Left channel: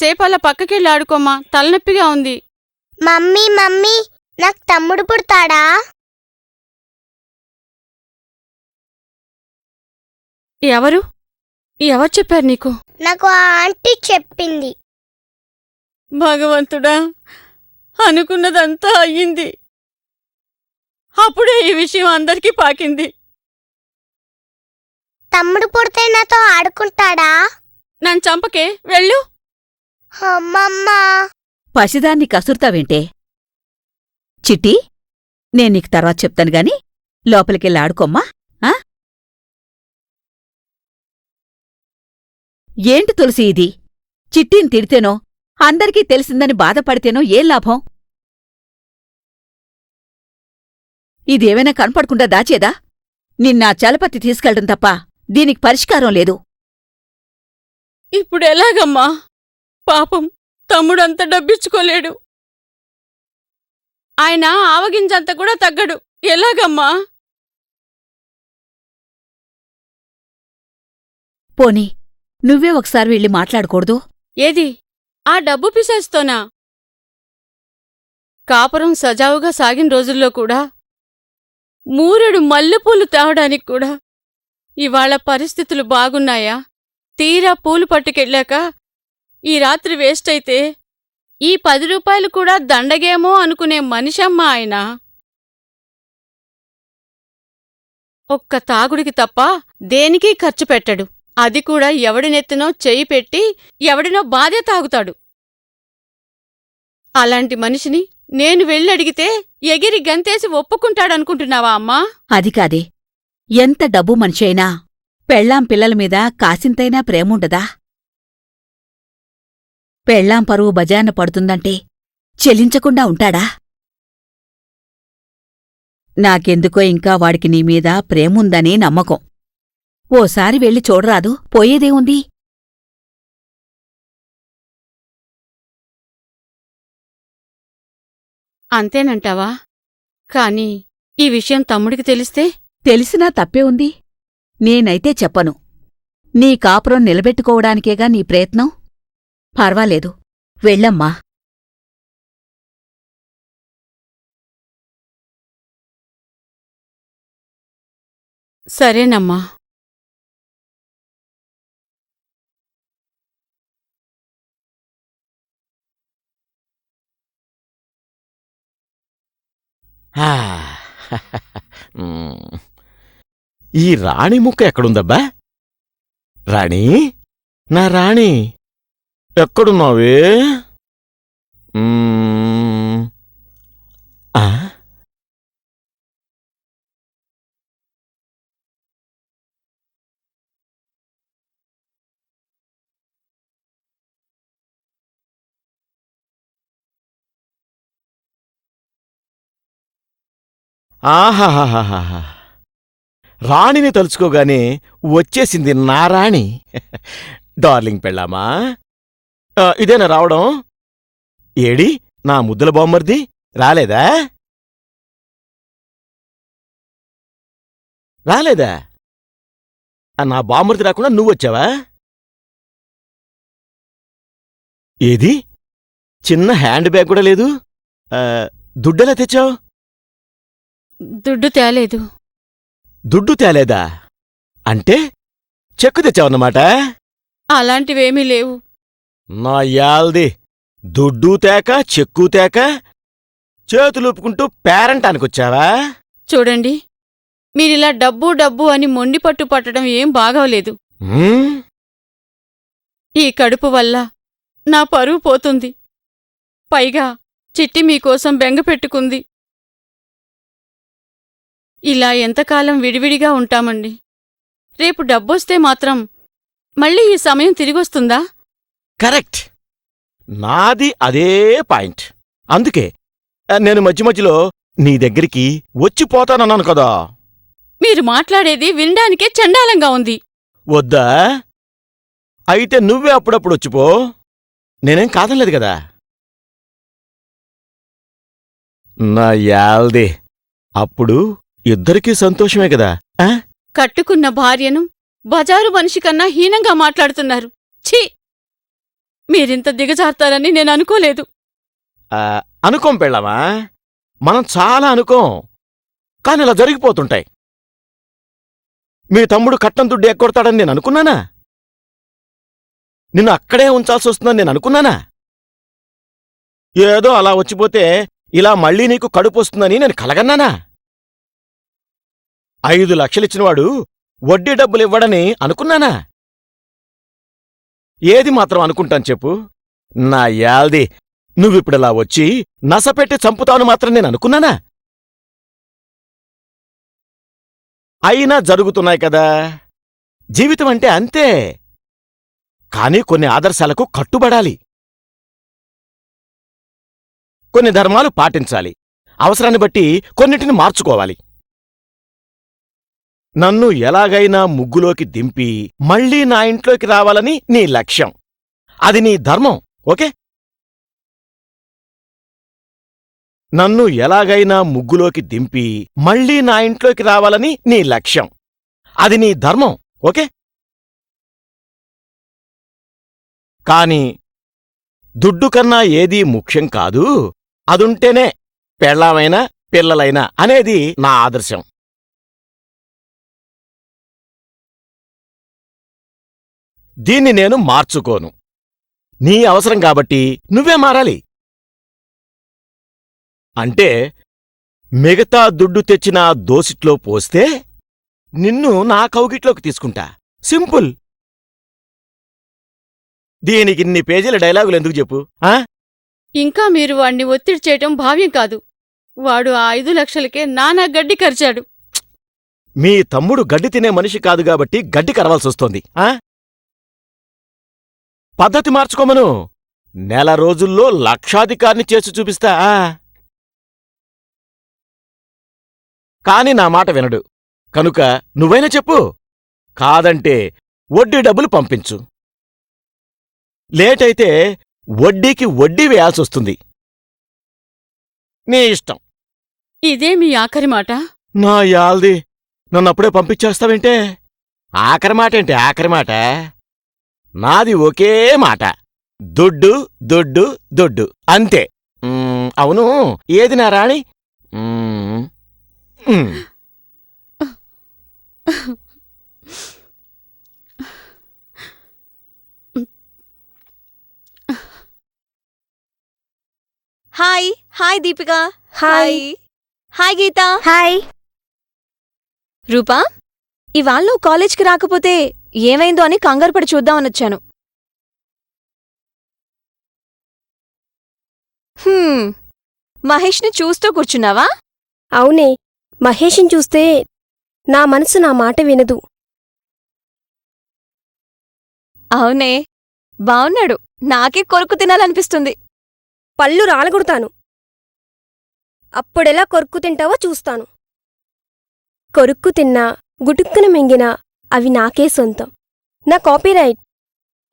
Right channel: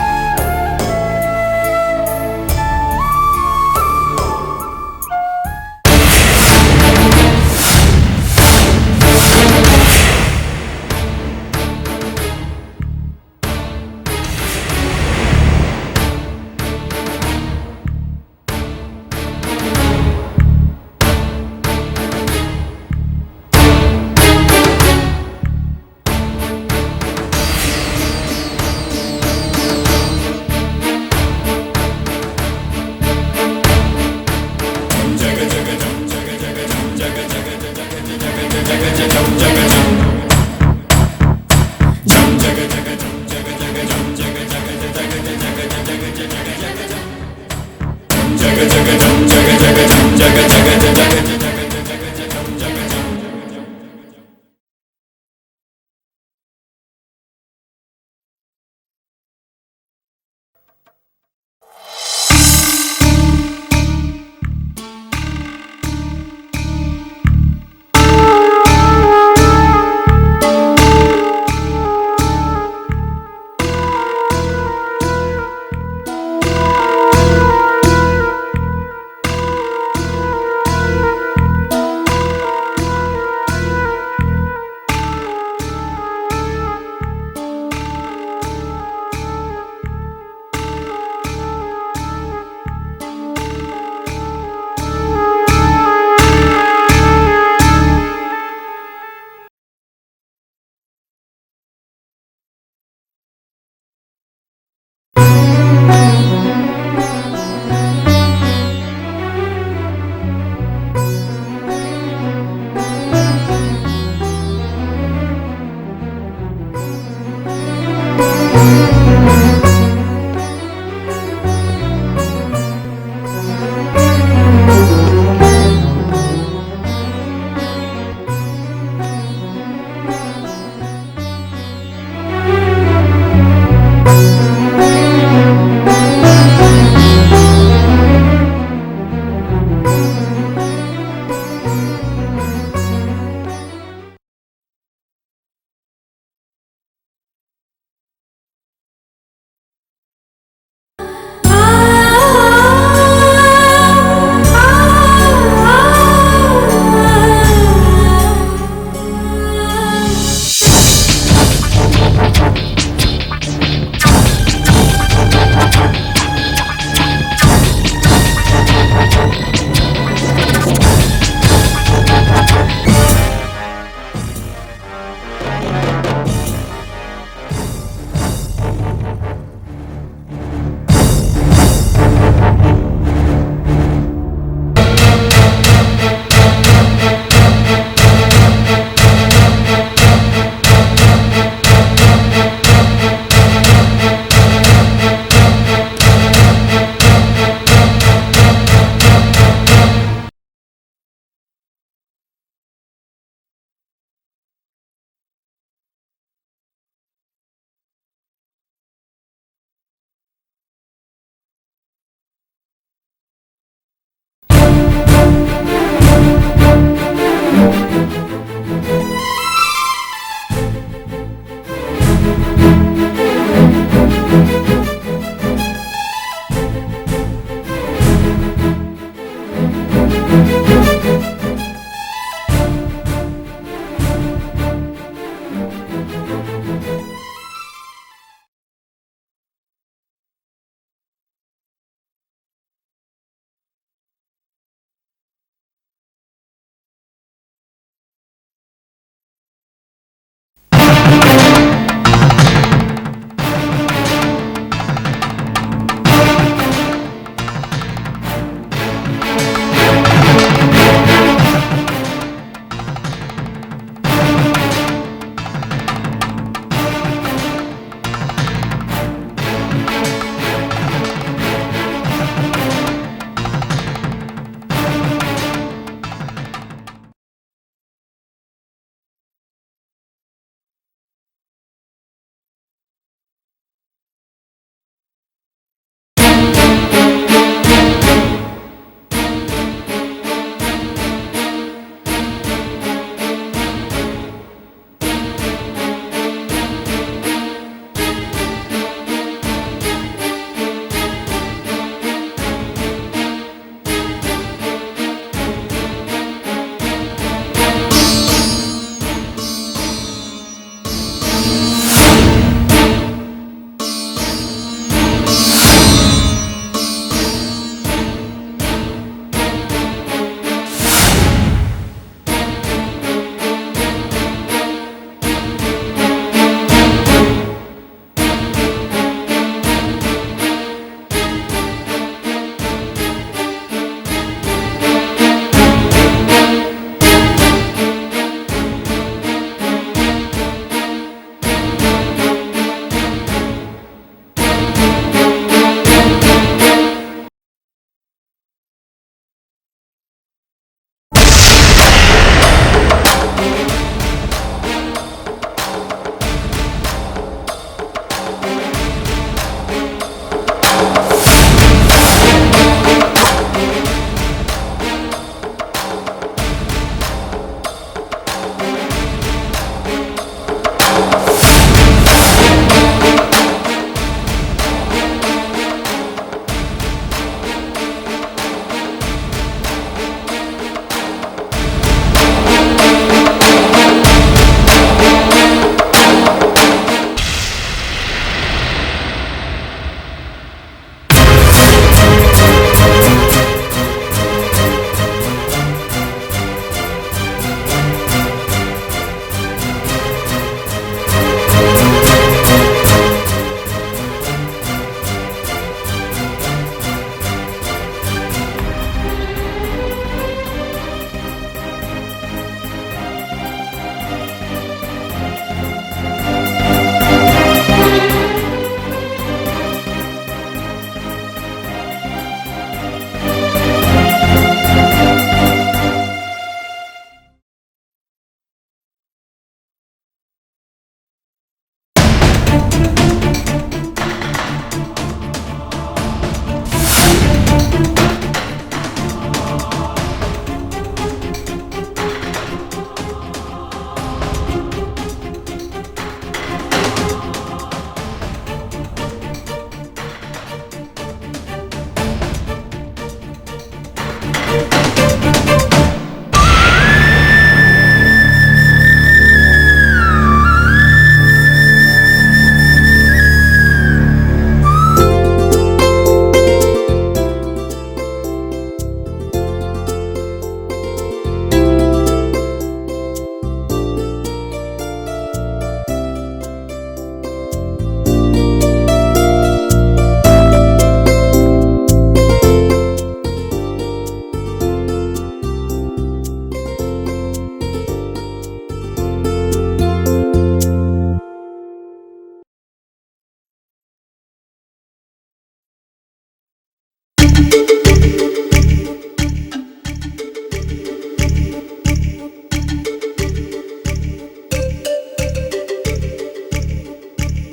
కాసేపు అలా పక్కకెళ్ళి ఆడుకోమా, తలనొప్పిగా ఉంది. మమ్మీ మమ్మీ నాకు తమ్ముడు పుడతాడా? ఎవరు ఎవరు చెప్పారు నీకు? నాకు ఆ ఆంటీ చెప్పింది. భగవంతుడా, అనుకున్నదంతా అయ్యింది. అప్పుడే ఈ విషయం అందరికీ పాకింది. తమ్ముడు పుడితే నాతో ఆడుకుంటాడా? నన్ను చంపకే, వెళ్ళు. అమ్మమ్మ, పసిదాన్ని కసురుతావేంటే? చిట్టి, నేను నీకు తర్వాత చెప్తాను గాని లోపలికెళ్ళి ఆడుకోమ్మా. ఆ? ఏంటి తులసి ఇది? చిట్టిని తిడితేనో అందరికీ తెలిసిందని బాధపడితేనో ఏం లాభం? ఇదేమైనా కనపడకుండా దాచేదా? నిన్న చలపతి తీసుకెళ్ళడం తప్ప దీనికి పరిష్కారం లేదు. ఇప్పుడు ఎలాగమ్మా? పాపం తమ్ముడంతా డబ్బిచ్చుకోలేడు. ఆయన ఆవగింజంత కూడా తగ్గడు. ఎలాగమ్మా? పోనీ నువ్వే ఒకసారి వెళ్ళి మాట్లాడకూడదు? ఏది, ఆ డబ్బు పిసేస్తోనా? కాపురం సజావుగా సాగిన రోజుల్లో కూడా, మూరెడు మల్లెపూలు తేవడానికి కూడా ఇవాళ పరిస్థితులు బాగున్నాయా? తీరా పూలు పట్టుకెళ్ళాక ఈ రాత్రి వేస్ట్ అయితే ఈ 10 రూపాయలు కూడా దండగేమో అనుకునే మనిషమ్మ ఆయన. ఒక్క తాగుడికి తప్ప దేనికీ ఖర్చు పెట్టడు. అది కూడా ఎవడినెత్తినో చెయ్యి పెట్టి ఎవడినో బాధే తాగుతాడు. అలాంటి మనిషిని నేను వెళ్ళడిగితే ఎగిరి గంతేసి ఒప్పుకుంటాడనుకుంటున్నావా అమ్మా? అది కాదే, ఎంత డబ్బు మనిషి అయినా పెళ్ళాం పిల్లల మీద కాసింతైనా ప్రేముండదా? పెళ్ళాం పరువు బజాన పడుతుందంటే చెలించకుండా ఉంటాడా? నాకెందుకో ఇంకా వాడికి నీ మీద ప్రేముందని నమ్మకం. ఓసారి వెళ్ళి చూడరాదు, పోయేదేముంది? అంతేనంటావా? కానీ ఈ విషయం తమ్ముడికి తెలిస్తే? తెలిసినా తప్పే ఉంది. నేనైతే చెప్పను. నీ కాపురం నిలబెట్టుకోవడానికేగా నీ ప్రయత్నం. పర్వాలేదు, వెళ్ళమ్మా. సరేనమ్మా. ఈ రాణి ముక్క ఎక్కడుందబ్బా? రాణి, నా రాణి ఎక్కడున్నావే? ఆహాహాహాహా, రాణిని తలుచుకోగానే వచ్చేసింది నా రాణి. డార్లింగ్ పెళ్ళామా, ఇదేనా రావడం? ఏడి నా ముద్దుల బామ్మర్ది రాలేదా? రాలేదా? నా బామ్మర్ది రాకుండా నువ్వొచ్చావా? ఏది, చిన్న హ్యాండ్ బ్యాగ్ కూడా లేదు. దుడ్డెలా తెచ్చావు? దుడ్డు తేలేదు. దుడ్డు తేలేదా? అంటే చెక్కు తెచ్చావన్నమాట? అలాంటివేమీ లేవు. నా యాల్ది, దుడ్డు తేక చెక్కు తేక చేతులుపుకుంటూ పేరంటానికొచ్చావా? చూడండి, మీరిలా డబ్బు డబ్బు అని మొండి పట్టు పట్టడం ఏం బాగోలేదు. ఈ కడుపు వల్ల నా పరువు పోతుంది. పైగా చిట్టి మీకోసం బెంగ పెట్టుకుంది. ఇలా ఎంతకాలం విడివిడిగా ఉంటామండి? రేపు డబ్బొస్తే మాత్రం మళ్ళీ ఈ సమయం తిరిగొస్తుందా? కరెక్ట్, నాది అదే పాయింట్. అందుకే నేను మధ్య మధ్యలో నీ దగ్గరికి వచ్చిపోతానన్నాను కదా. మీరు మాట్లాడేది వినడానికే చండాలంగా ఉంది. వద్దా? అయితే నువ్వే అప్పుడప్పుడు వచ్చిపో, నేనేం కాదనలేదు కదా. నా యాల్ది, అప్పుడు ఇద్దరికీ సంతోషమే కదా. కట్టుకున్న భార్యను బజారు మనిషి కన్నా హీనంగా మాట్లాడుతున్నారు. ఛీ! మీరింత దిగజారుతారని నేను అనుకోలేదు. అనుకోం పెళ్ళామా, మనం చాలా అనుకోం, కానీ ఇలా జరిగిపోతుంటాయి. మీ తమ్ముడు కట్నం దుడ్డు ఎక్కొడతాడని నేను అనుకున్నానా? నిన్ను అక్కడే ఉంచాల్సి వస్తుందని నేను అనుకున్నానా? ఏదో అలా వచ్చిపోతే ఇలా మళ్ళీ నీకు కడుపు వస్తుందని నేను కలగన్నానా? 5 లక్షలు ఇచ్చినవాడు వడ్డీ డబ్బులు ఇవ్వడని అనుకున్నానా? ఏది మాత్రం అనుకుంటాను చెప్పు? నా యాల్ది, నువ్విప్పుడు ఇలా వచ్చి నసపెట్టి చంపుతావని మాత్రం నేను అనుకున్నానా? అయినా జరుగుతున్నాయి కదా. జీవితం అంటే అంతే. కానీ కొన్ని ఆదర్శాలకు కట్టుబడాలి, కొన్ని ధర్మాలు పాటించాలి, అవసరాన్ని బట్టి కొన్నిటిని మార్చుకోవాలి. నన్ను ఎలాగైనా ముగ్గులోకి దింపి మళ్ళీ నా ఇంట్లోకి రావాలని నీ లక్ష్యం, అది నీ ధర్మం. ఓకే, నన్ను ఎలాగైనా ముగ్గులోకి దింపి మళ్ళీ నా ఇంట్లోకి రావాలని నీ లక్ష్యం, అది నీ ధర్మం. ఓకే, కానీ దుడ్డు కన్నా ఏదీ ముఖ్యం కాదు, అదుంటేనే పెళ్ళామైనా పిల్లలైనా అనేది నా ఆదర్శం. దీన్ని నేను మార్చుకోను. నీ అవసరం కాబట్టి నువ్వే మారాలి. అంటే మిగతా దుడ్డు తెచ్చిన దోసిట్లో పోస్తే నిన్ను నా కౌగిట్లోకి తీసుకుంటా. సింపుల్. దీనికి ఇన్ని పేజీల డైలాగులు ఎందుకు చెప్పు? ఇంకా మీరు వాడిని ఒత్తిడి చేయడం భావ్యం కాదు. వాడు ఆ 5 లక్షలకే నానా గడ్డి ఖర్చాడు. మీ తమ్ముడు గడ్డి తినే మనిషి కాదు కాబట్టి గడ్డి కరవాల్సి వస్తుంది. పద్ధతి మార్చుకోమను. నెల రోజుల్లో లక్షాధికారిని చేసి చూపిస్తా. కాని నా మాట వినడు కనుక నువ్వైనా చెప్పు. కాదంటే వడ్డీ డబ్బులు పంపించు. లేట్ అయితే వడ్డీకి వడ్డీ వేయాల్సి వస్తుంది. నీ ఇష్టం. ఇదే మీ ఆఖరి మాట? నా యాల్ది, నన్ను అప్పుడే పంపించేస్తావేంటే? ఆఖరి మాట ఏంటి? ఆఖరి మాట నాది ఒకే మాట. దుడ్డు దుడ్డు దుడ్డు అంతే. అవును, ఏది నా రాణి? హాయ్ దీపిక. హాయ్ హాయ్ గీత. హాయ్ రూపా, ఇవాళ నువ్వు కాలేజ్కి రాకపోతే ఏమైందో అని కంగారు పడి చూద్దామని వచ్చాను. మహేష్ని చూస్తూ కూర్చున్నావా? అవునే, మహేష్ని చూస్తే నా మనసు నా మాట వినదు. అవునే, బావున్నాడు. నాకే కొరుకు తినాలనిపిస్తుంది. పళ్ళు రాలగొడతాను. అప్పుడెలా కొరుక్కు తింటావో చూస్తాను. కొరుక్కు తిన్నా, గుటుక్కున మింగినా అవి నాకే సొంతం. నా కాపీరైట్.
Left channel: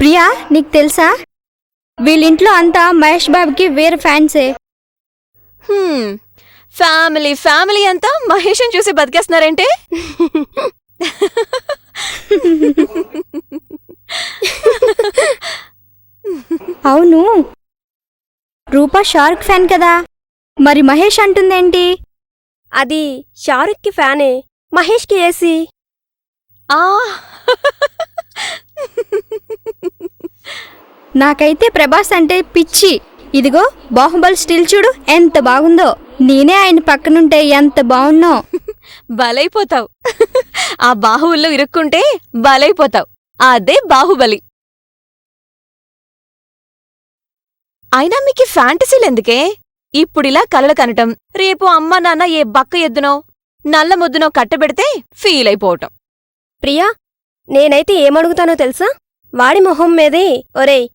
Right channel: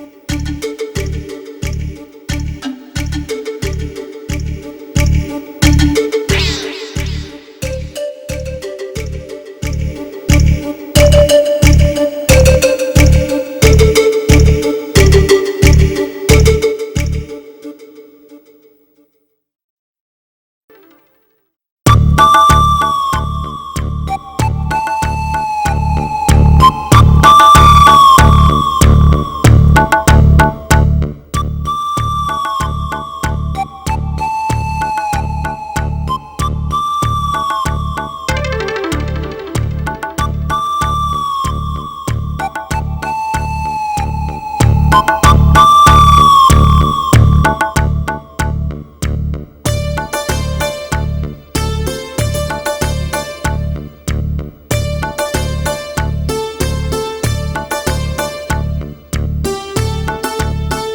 ప్రియా, నీకు తెలుసా వీళ్ళింట్లో అంతా మహేష్ బాబుకి వేరే ఫ్యాన్సే. ఫ్యామిలీ అంతా మహేష్ని చూసి బతికేస్తున్నారంటే? అవును, రూపా షారుఖ్ ఫ్యాన్ కదా, మరి మహేష్ అంటుందేంటి? అది షారుఖ్ కి ఫ్యానే, మహేష్ కి ఏసీ. నాకైతే ప్రభాస్ అంటే పిచ్చి. ఇదిగో బాహుబలి స్టిల్ చూడు ఎంత బాగుందో. నేనే ఆయన పక్కనుంటే ఎంత బాగున్నావు. బలైపోతావు. ఆ బాహువుల్లో ఇరుక్కుంటే బలైపోతావు. అదే బాహుబలి. అయినా మీకు ఫ్యాంటసీలు ఎందుకే? ఇప్పుడిలా కలలు కనటం, రేపు అమ్మ నాన్న ఏ బక్క ఎద్దునో నల్ల ముద్దునో కట్టబెడితే ఫీల్ అయిపోవటం. ప్రియా, నేనైతే ఏమడుగుతానో తెలుసా? వాడి మొహం మీదే ఒరేయ్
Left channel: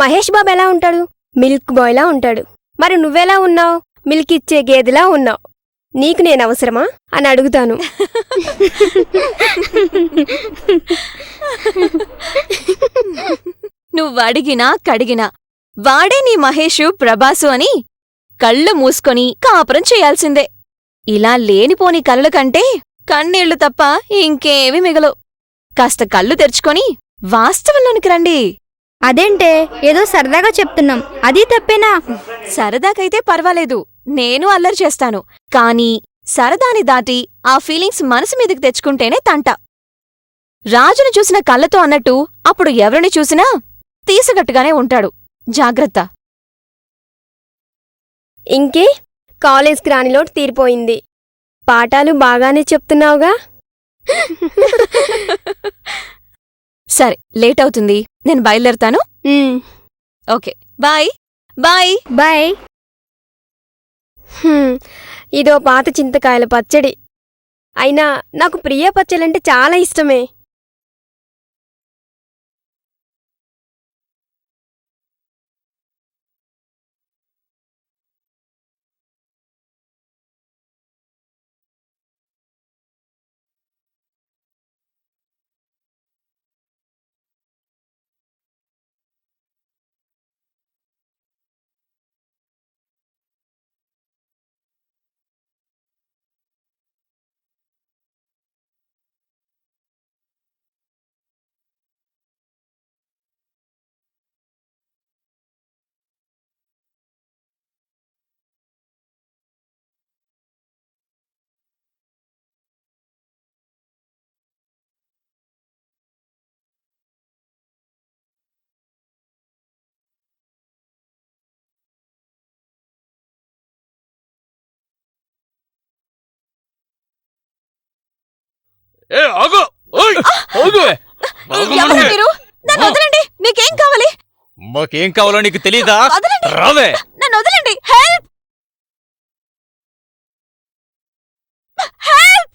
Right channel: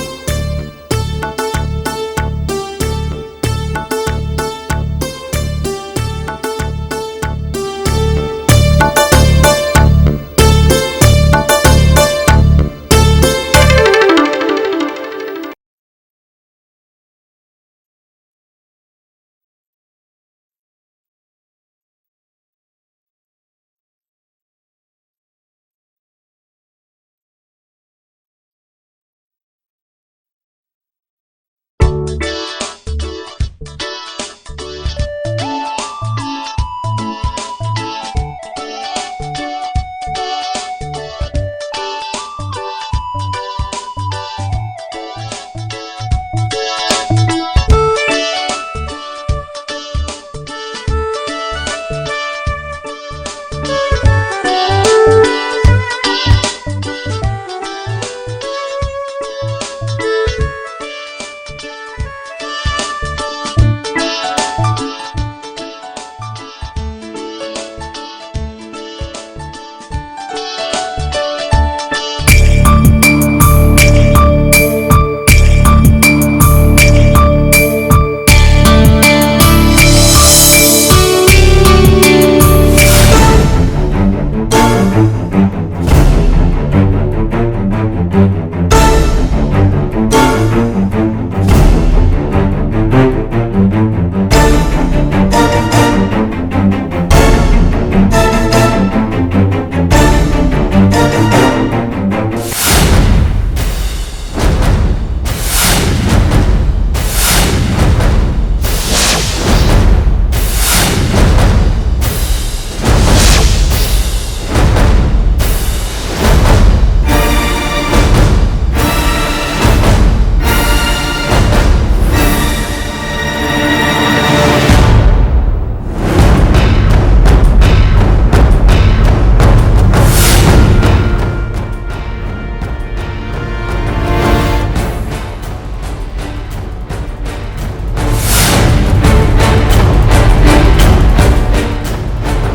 మహేష్ బాబు ఎలా ఉంటాడు? మిల్క్ బాయ్లా ఉంటాడు. మరి నువ్వెలా ఉన్నావు? మిల్క్ ఇచ్చే గేదెలా ఉన్నావు. నీకు నేను అవసరమా అని అడుగుతాను. నువ్వు అడిగినా కడిగినా వాడే నీ మహేషు ప్రభాసు అని కళ్ళు మూసుకొని కాపురం చేయాల్సిందే. ఇలా లేనిపోని కలల కంటే కన్నీళ్లు తప్ప ఇంకేమీ మిగలవు. కాస్త కళ్ళు తెరుచుకొని వాస్తవంలోనికి రండి. అదేంటే ఏదో సరదాగా చెప్తున్నాం, అది తప్పేనా? సరదాకైతే పర్వాలేదు, నేను అల్లరి చేస్తాను. కానీ సరదాని దాటి ఆ ఫీలింగ్స్ మనసు మీదకి తెచ్చుకుంటేనే తంట. రాజును చూసిన కళ్ళతో అన్నట్టు అప్పుడు ఎవరిని చూసినా తీసినట్టుగానే ఉంటాడు. జాగ్రత్త. ఇంకే కాలేజ్కి రాని లోటు తీరిపోయింది. పాఠాలు బాగానే చెప్తున్నావుగా. సరే, లేట్ అవుతుంది, నేను బయలుదేరుతాను. Okay, bye bye. బాయ్. ఇదో పాత చింతకాయల పచ్చడి. అయినా నాకు ప్రియ పచ్చడి అంటే చాలా ఇష్టమే. ఎవరా మీరు? నన్ను వదలండి. మీకేం కావాలి? ఏం కావాలో నీకు తెలీదా? వదలండి. రావే. నన్ను వదలండి. హెల్ప్! హెల్ప్!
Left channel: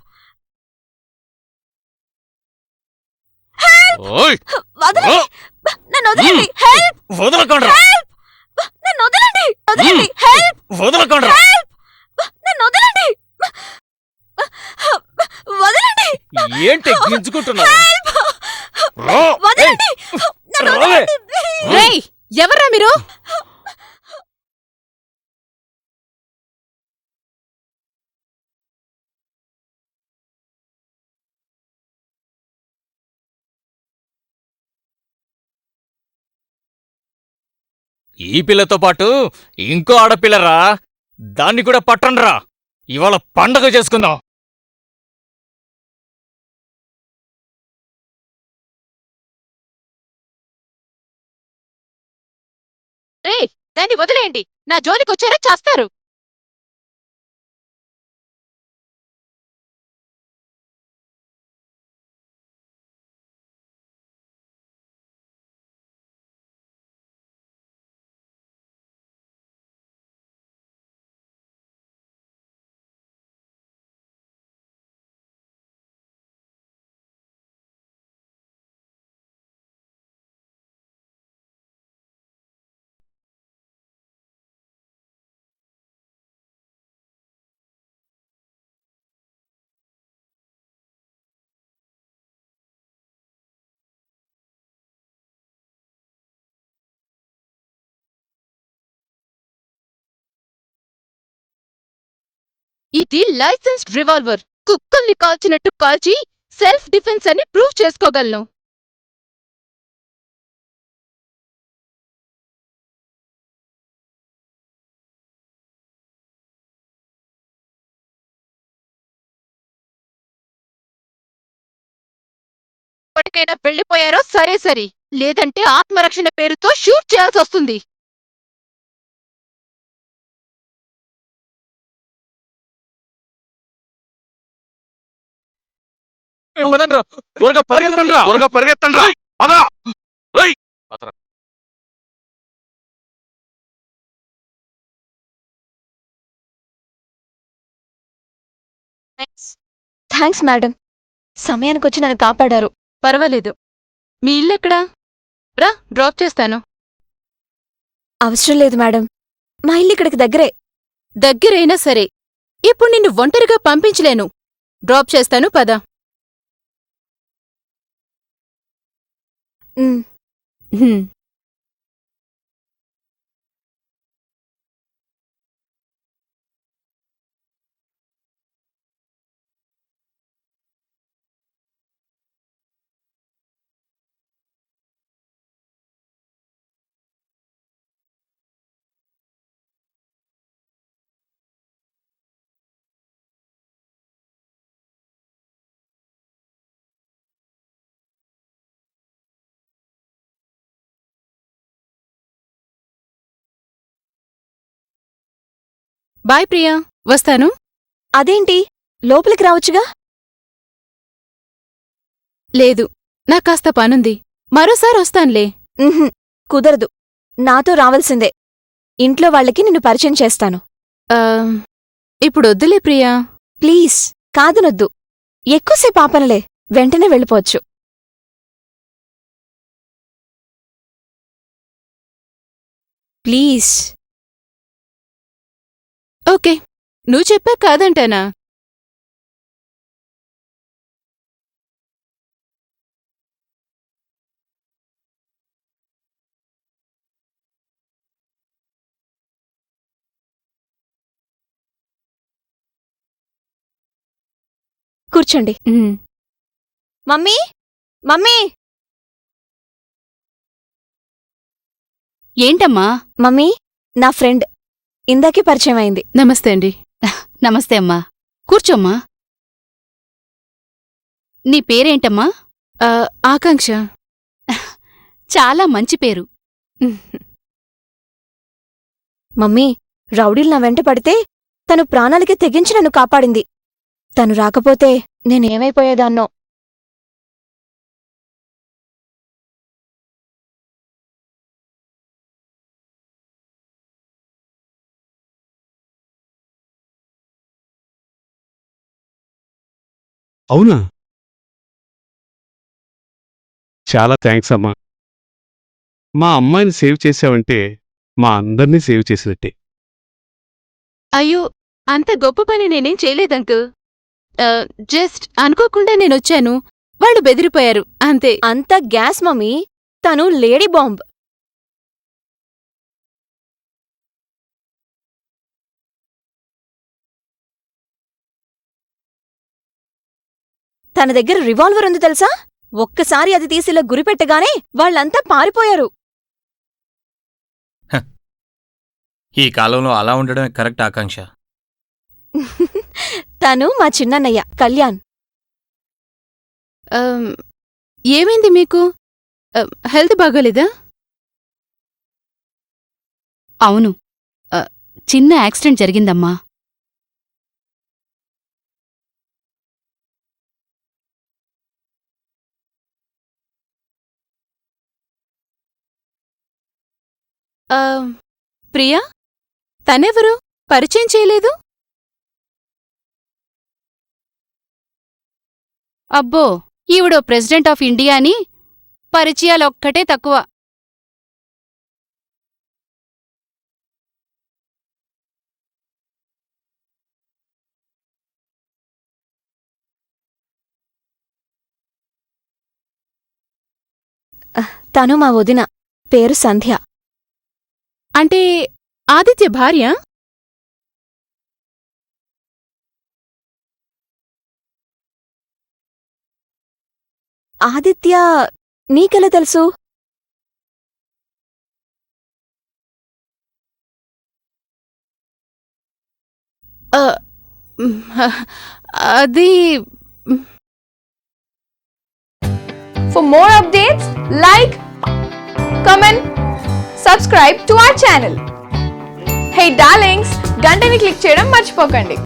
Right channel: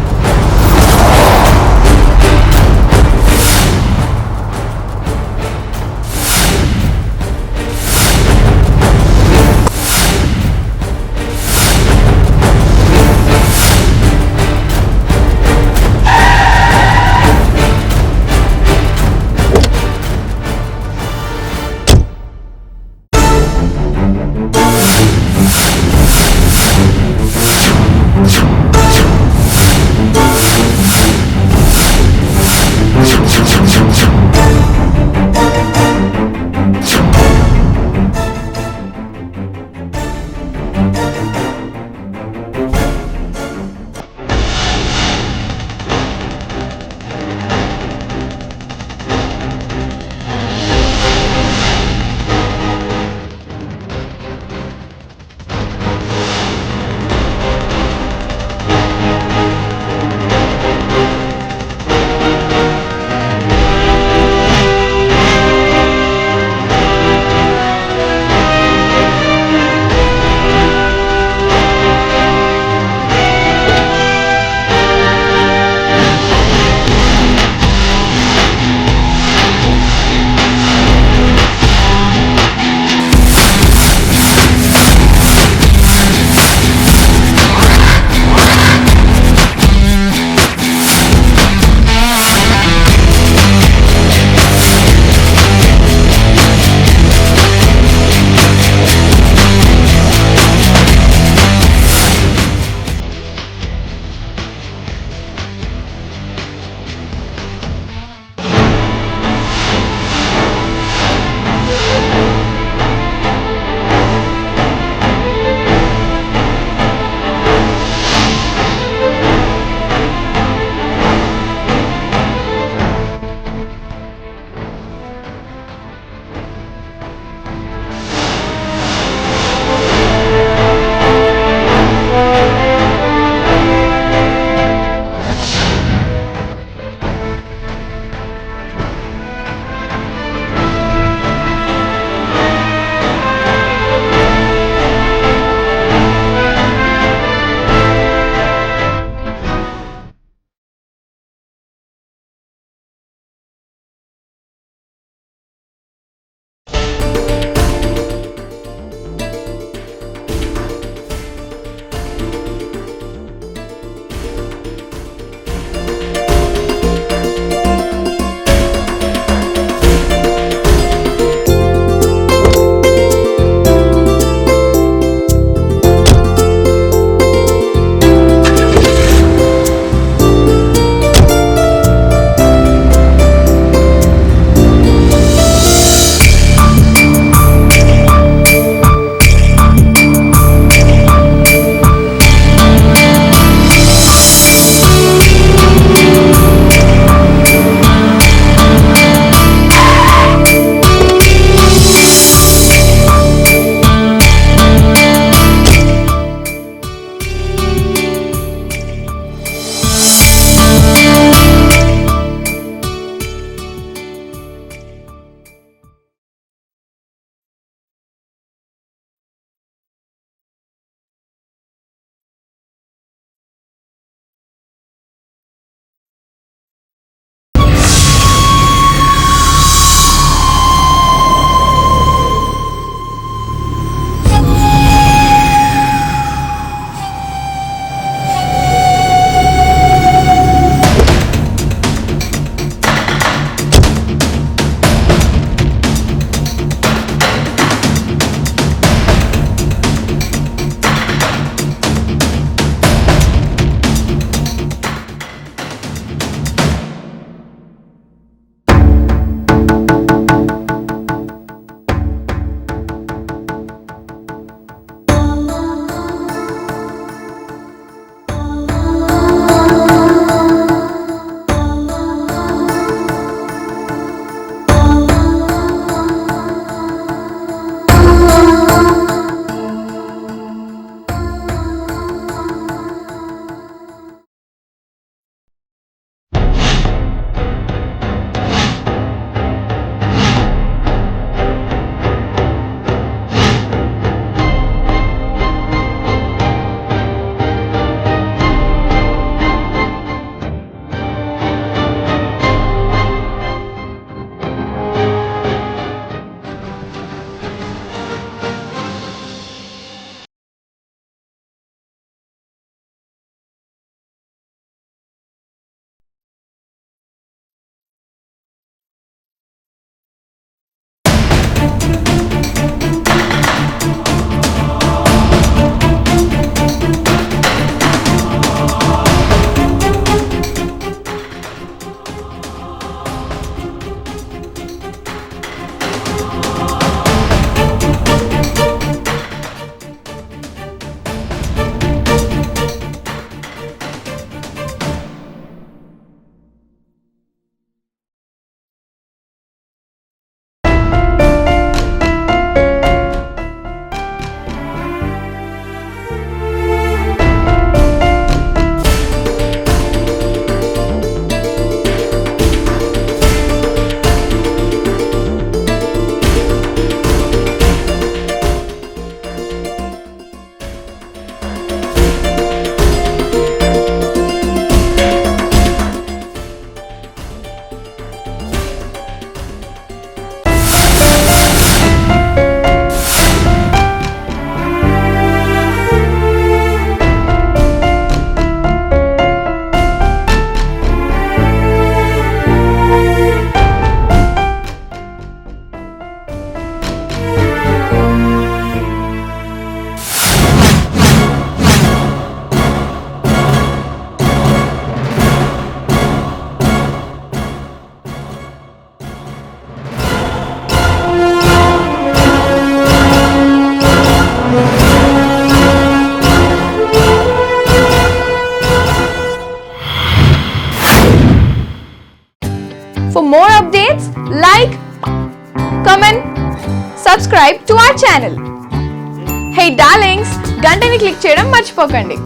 ఓయ్ వదలండి. నన్ను వదలండి. హెల్ప్! వదలకండ్రా. నన్ను వదలండి. వదలండి. హెల్ప్! వదలకండ్రా. నన్ను వదలండి. వదలండి. ఏంటి హెల్ప్! వదలండి. నన్ను రావే. వదలండి. రేయ్, ఎవర్రా మీరు? ఈ పిల్లతో పాటు ఇంకో ఆడపిల్లరా, దాన్ని కూడా పట్టండ్రా. ఇవాళ పండగ చేసుకుందాం. రేయ్, దాన్ని వదిలేయండి. నా జోలికి వచ్చారా చేస్తారు. ఇది లైసెన్స్డ్ రివాల్వర్. కుక్కల్ని కాల్చినట్టు కాల్చి సెల్ఫ్ డిఫెన్స్ అని ప్రూవ్ చేసుకోగలను. ఇప్పటికైనా వెళ్ళిపోయారో సరే సరే, లేదంటే ఆత్మరక్షణ పేరుతో షూట్ చేయాల్సి వస్తుంది. త్వరగా పరిగెత్తండి, త్వరగా పరిగెత్తండి. పదా. థ్యాంక్స్ మేడం, సమయానికి వచ్చి నన్ను కాపాడారు. పర్వాలేదు. మీ ఇల్లు ఎక్కడా? రా, డ్రాప్ చేస్తాను. అవసరం లేదు మేడం, మా ఇల్లు ఇక్కడికి దగ్గరే. దగ్గరైనా సరే, ఇప్పుడు నిన్ను ఒంటరిగా పంపించలేను. డ్రాప్ చేస్తాను, పద. వస్తాను. అదేంటి లోపలికి రావచ్చుగా? లేదు, నాకు కాస్త పనుంది. మరోసారి వస్తానులే. ఉహుం, కుదరదు. నాతో రావాల్సిందే. ఇంట్లో వాళ్ళకి నిన్ను పరిచయం చేస్తాను. ఆ, ఇప్పుడు వద్దులే ప్రియా. ప్లీజ్, కాదనొద్దు. ఎక్కువసేపు ఆపనలే, వెంటనే వెళ్ళిపోవచ్చు. ప్లీజ్. ఓకే, నువ్వు చెప్పా కాదంటానా? కూర్చోండి. మమ్మీ, మమ్మీ, ఏంటమ్మా? మమ్మీ, నా ఫ్రెండ్ ఇందాకే పరిచయం అయింది. నమస్తే అండి. నమస్తే అమ్మా. కూర్చోమ్మా. నీ పేరేంటమ్మా? ఆకాంక్ష. చాలా మంచి పేరు. మమ్మీ, రౌడీలు నా వెంట పడితే తను ప్రాణాలకి తెగించి నన్ను కాపాడింది. తను రాకపోతే నేనేమైపోయేదాన్నో. అవునా? చాలా థ్యాంక్స్ అమ్మా. మా అమ్మాయిని సేవ్ చేసావంటే మా అందరినీ సేవ్ చేసినట్టే. అయ్యో, అంత గొప్ప పని నేనేం చేయలేదంకు. జస్ట్ అనుకోకుండా నేనొచ్చాను, వాళ్ళు బెదిరిపోయారు అంతే. అంత గ్యాస్ మమ్మీ, తను లేడీ బాంబ్. తన దగ్గర రివాల్వర్ ఉంది తెలుసా? ఒక్కసారి అది తీసిలా గురిపెట్టగానే వాళ్ళంతా పారిపోయారు. ఈ కాలంలో అలా ఉండడం కరెక్ట్ ఆకాంక్ష. తను మా చిన్నన్నయ్య కళ్యాణ్. ఏమైంది మీకు? హెల్త్ బాగోలేదా? అవును, చిన్న యాక్సిడెంట్ జరిగిందమ్మా. ప్రియా, తనెవరు? పరిచయం చేయలేదు. అబ్బో, ఈవిడో ప్రెసిడెంట్ ఆఫ్ ఇండియా అని పరిచయాలొక్కటే తక్కువ. తను మా వదిన, పేరు సంధ్య. అంటే ఆదిత్య భార్య? ఆదిత్య నీకెలా తెలుసు? అది For more updates, like, comment, subscribe to our channel. Hey darlings, గంటని click చేయడం మర్చిపోకండి.